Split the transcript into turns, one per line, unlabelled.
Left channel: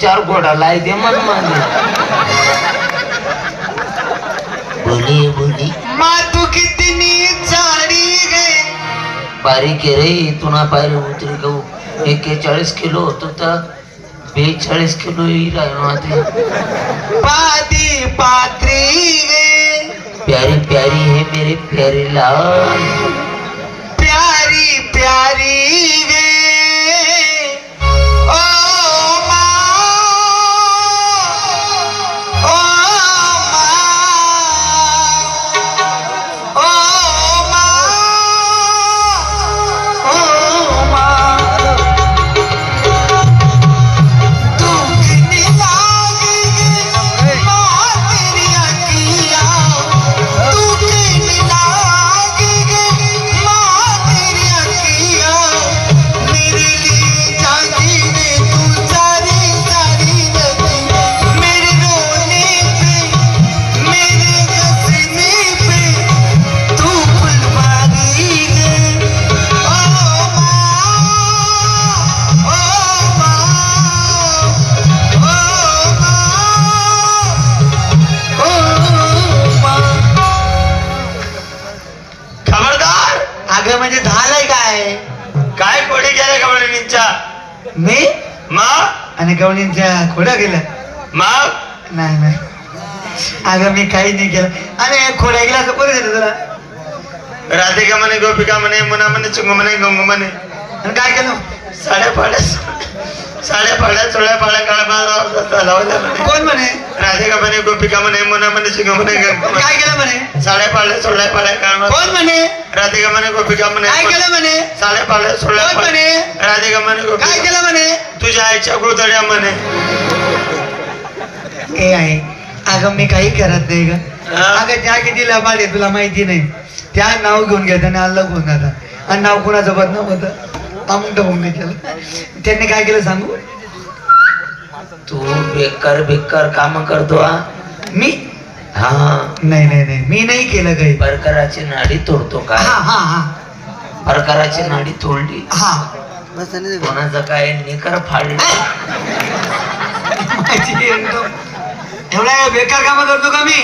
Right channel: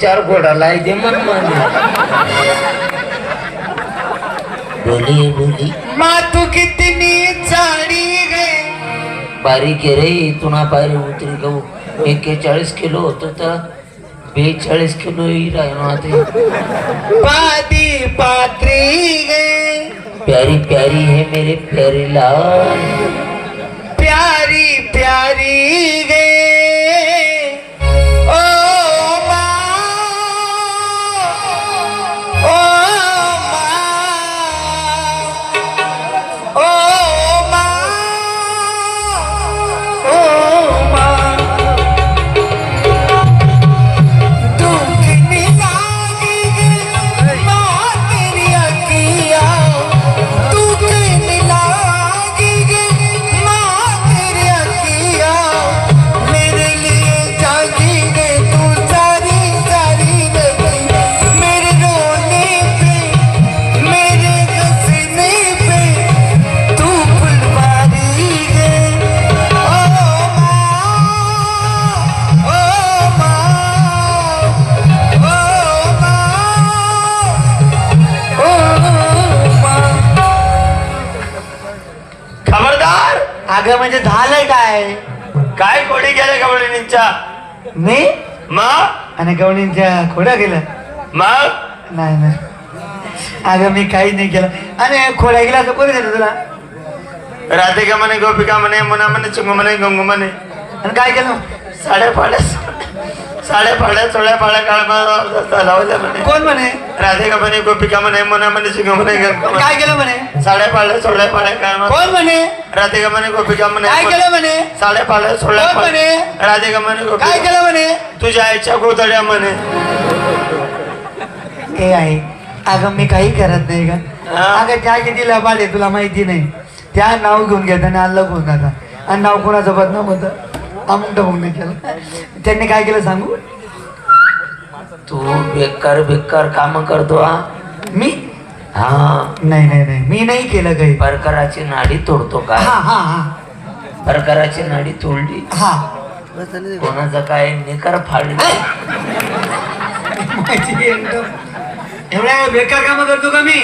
चार घोडा लाई दे मन मान. बोली बोली.
माँ तू कितनी सारी रे.
बारीक आहे रे तुला पाहिलं उतरी गहू एक्केचाळीस किलो होत तर बेचाळीस किलो येईल
पादी पात्री रे.
प्यारी प्यारी है मेरे प्यारे लाल.
अगं म्हणजे झालंय काय?
काय कोणी गेले गवळणींच्या?
मी?
मग?
आणि गवणींच्या खोड्या गेल्या
मग?
नाही नाही. अगं मी काही नाही केलं. आणि खोड्या गेला तर कोणी झालं तुला?
राधिका म्हणे गोपिका म्हणे मुना म्हणे चिंगू म्हणे गंगू म्हणे.
आणि काय केलं?
साड्या फाड्या साड्या फाड्या चोळ्या फाड्या काळ
कोण म्हणे?
राधिका म्हणे गोपिका म्हणे मुना म्हणे चिंगू म्हणे.
काय केलं म्हणे?
साड्या फाड्या चोळ्या फाड्या काळ
कोण म्हणे?
राधिका म्हणे गोपिका म्हणे
काय केलं म्हणे?
साड्या फाड्या चोळ्या
म्हणे?
राधिका म्हणे
काय केलं म्हणे?
तुझ्या आईच्या गुरुदड्या म्हणे.
हे आहे अगं मी काही करत नाही ग? अगं त्या किती लबाड आहे तुला माहिती नाही. त्या नाव घेऊन आणि अल्ला घेऊन जातात आणि नाव कोणाचं बदनाम होतं अमुक नाही केलं त्यांनी काय केलं सांगू?
तू बेकार बेकार काम करतो हा?
मी?
हा.
नाही नाही नाही. मी नाही केलं काही.
परकराची नाडी तोडतो काय?
हा हा हा.
परकराची नाडी तोडली?
हा.
कोणाचं काय? निकर फाडलं.
माझी एकदम एवढा बेकार काम करतो का माँ